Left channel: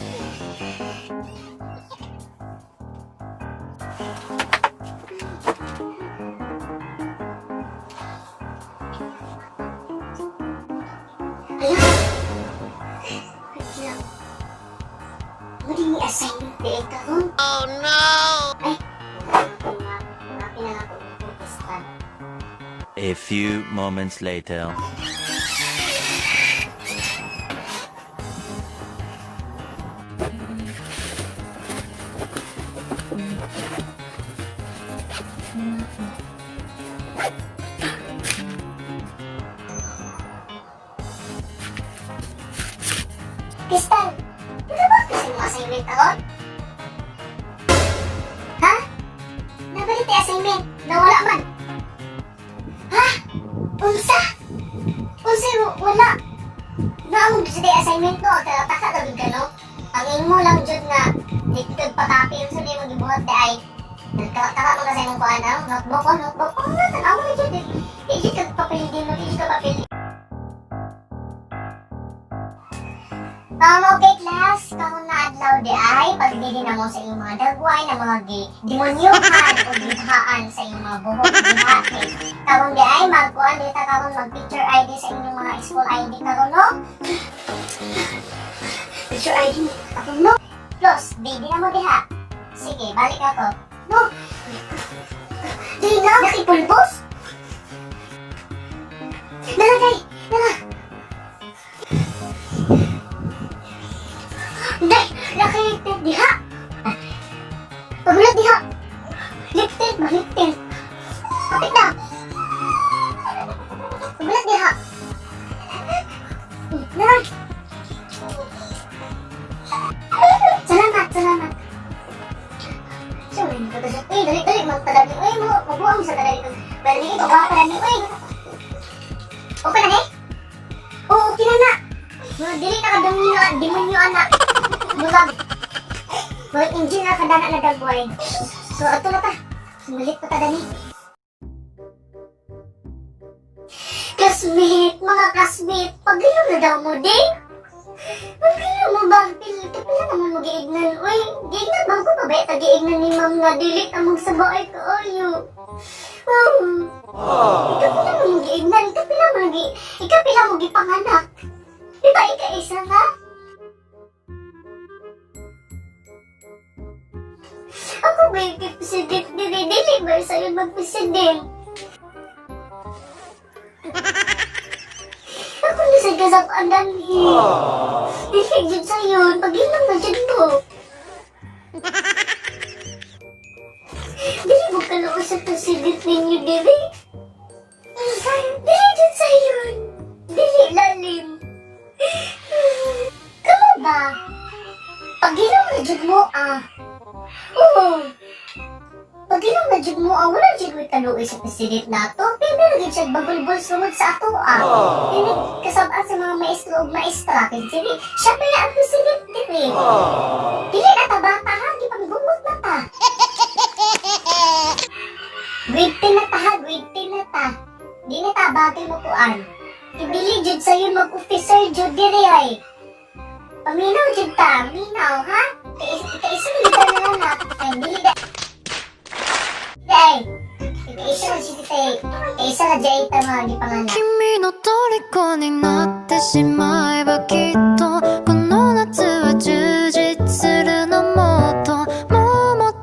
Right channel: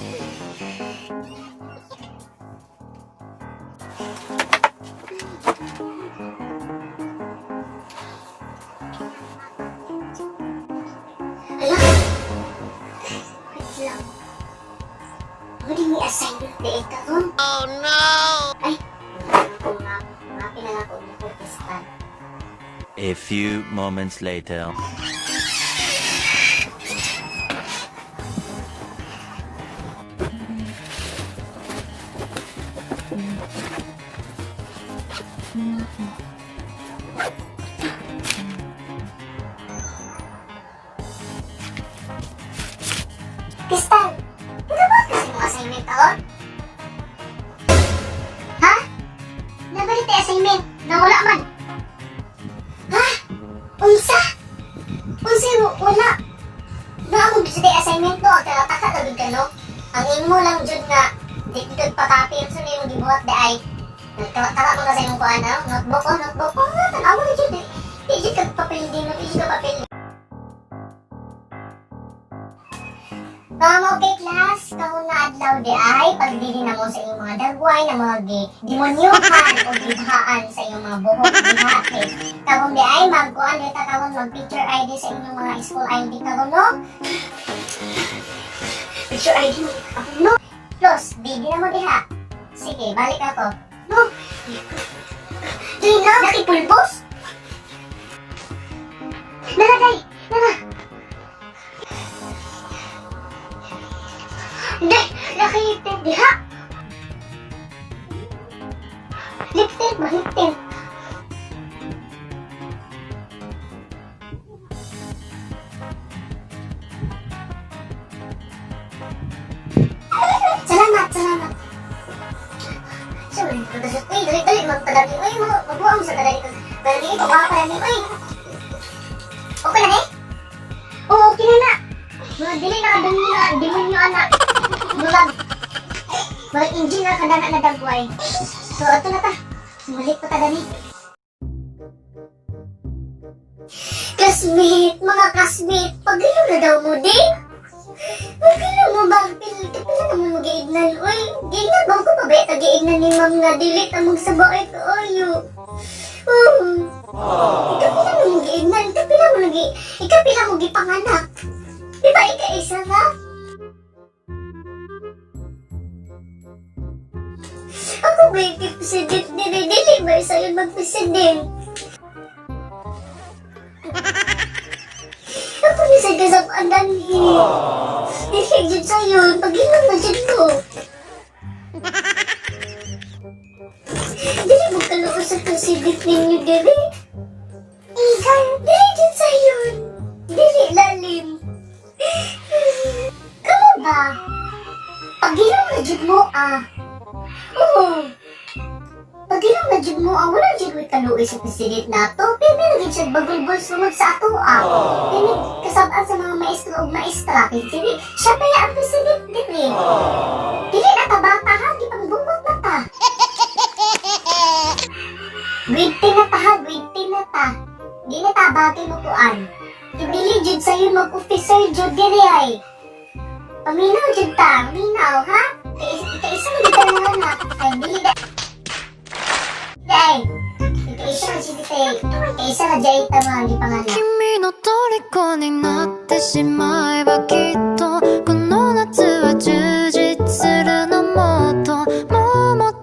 Hala? Wait lang. Muli ni assignment di ay karon. Oh no! Ay, pinala ko ng protestan. A few moments later. Kristal, nabot kasi mo assignment taon? Ha? Nabalik tayo assignment? Nawala man? Ha? Unsa? Unsa mo? Wala. Naamog sa tayo assignment no? Taka labig ka no? Ang imo lang dyan nga, di kagad pakapi yung sunay mo gibuhat di ay taka mo kasi mong kuhaan notebook ko, tanawa na dyan di dyan kagpapilidin mo, di dyan kagpapilidin. Okay class, kahon na adlaw di ay pagdili na mo sa iyong mga dagway na mga demonyohan o gibhaan sa iyong mga buhok diha. Kahon di ay magkuan dita kahon mag picture ID sa inyong mga school ID kahon no. Picture ID mo ako no. Plus, di na mo diha. Sige, balik ako. No. Di na nakipulbos. Nalagay, nala. Day, nakita diha. Pagulat diha. Liptin, mahiptin. Kapit na. Pagulat diha. Naray. Salamat. Siyempre, nagkakasot. Uy, dali, magpadali. Uy, magbuang mo sa kadali. Dali, magpapadali. Uy. Okay na eh? Oo, okay na. Dili na demonyo anak. Mga engine na kadana na dagway. So, ato na ta. Mulit pa ta dani. Mga classmate, pagilo na daw mo, di? Pagilo mo ba? Pila naman mag-iignan. Uy, giignan ba ko pa ba? Tag-iignan ni ma'am na dilit among sabaay ko ayo. Ikapila mo mag-iignan. Ikapila mo gipanganak. Diba ika-isa nga? Ako ba yung president dili ba sa'yo mag-president? Ako ni sa gasap andanhi. Dili dyan sa'yo, pag-ilang na dyan ko. Dili mo kaluos sa president ninyo, dili? Dili dyan sa'yo. Dili lalim. Kamu ba? Pag-ilang na dyan mo Oo. Pag-ilang na dyan mo wala dyan mo kaluoy sa president nato. Pero lagi siya bagulbol sumod sa ato Pero kasabaan sa mga maestro o maestra. Pero siya pa ang president dili. Dili na ta bata ha, di pang bumot na ta. Grade 10 na ta ha, grade 10 na ta. Di na ta bagay mo kuan. Ibili dyan sa'yo mag-officer dyan diri ay. Paminaw dyan ta, minaw ha? Ika-isa na dito na anak. Ay, dili da. Day, ika-isa na dyan dito. Ika-isa na dyan ito mga di panganak. 君の虜になってしまえばきっと